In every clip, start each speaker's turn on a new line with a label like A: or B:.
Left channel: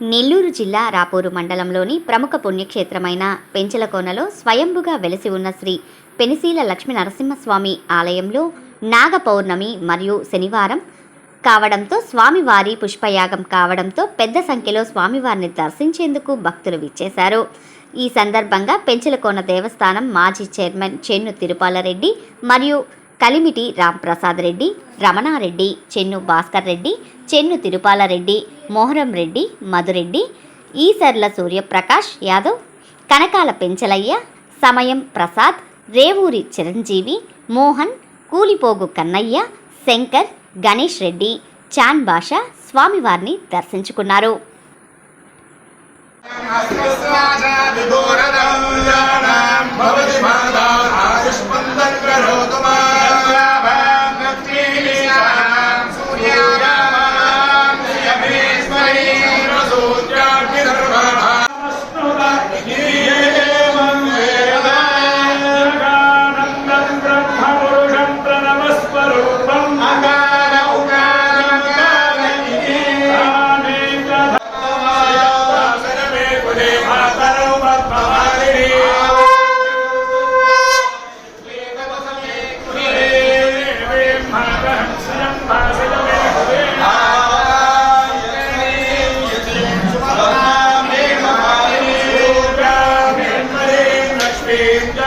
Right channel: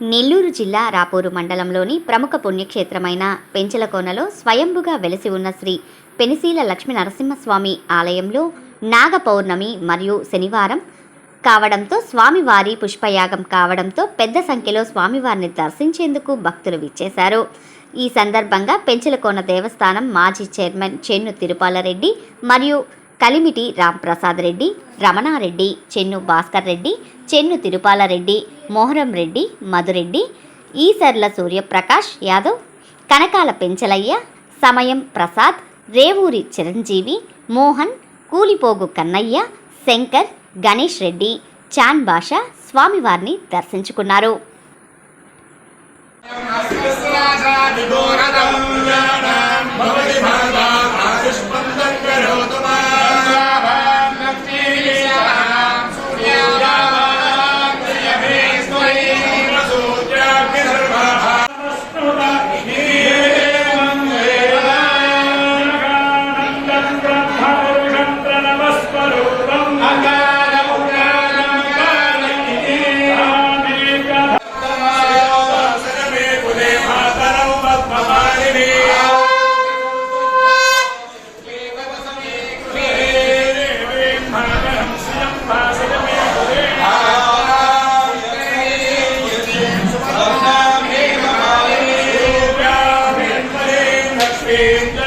A: నెల్లూరు జిల్లా రాపూరు మండలంలోని ప్రముఖ పుణ్యక్షేత్రమైన పెంచలకోనలో స్వయంభుగా వెలసి ఉన్న శ్రీ పెనిశీల లక్ష్మీ నరసింహస్వామి ఆలయంలో నాగ పౌర్ణమి మరియు శనివారం కావడంతో స్వామివారి పుష్పయాగం కావడంతో పెద్ద సంఖ్యలో స్వామివారిని దర్శించేందుకు భక్తులు విచ్చేశారు. ఈ సందర్భంగా పెంచలకోన దేవస్థానం మాజీ చైర్మన్ చెన్ను తిరుపాలరెడ్డి మరియు కలిమిటి రాంప్రసాద్ రెడ్డి రమణారెడ్డి చెన్ను భాస్కర్ రెడ్డి చెన్ను తిరుపాలరెడ్డి మోహరం రెడ్డి మధురెడ్డి ఈసర్ల సూర్యప్రకాష్ యాదవ్ కనకాల పెంచలయ్య సమయం ప్రసాద్ రేవూరి చిరంజీవి మోహన్ కూలిపోగు కన్నయ్య శంకర్ గణేష్ రెడ్డి చాన్ భాష స్వామివారిని దర్శించుకున్నారు.
B: Amém.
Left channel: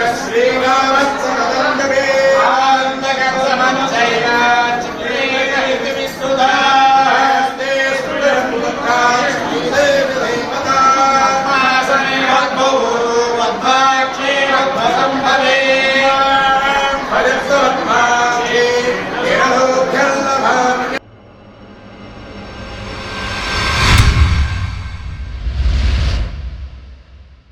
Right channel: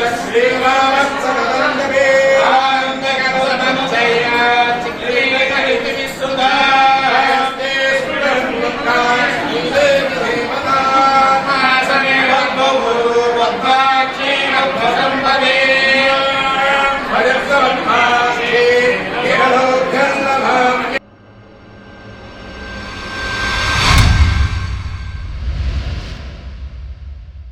B: تسليما భవేన భవేన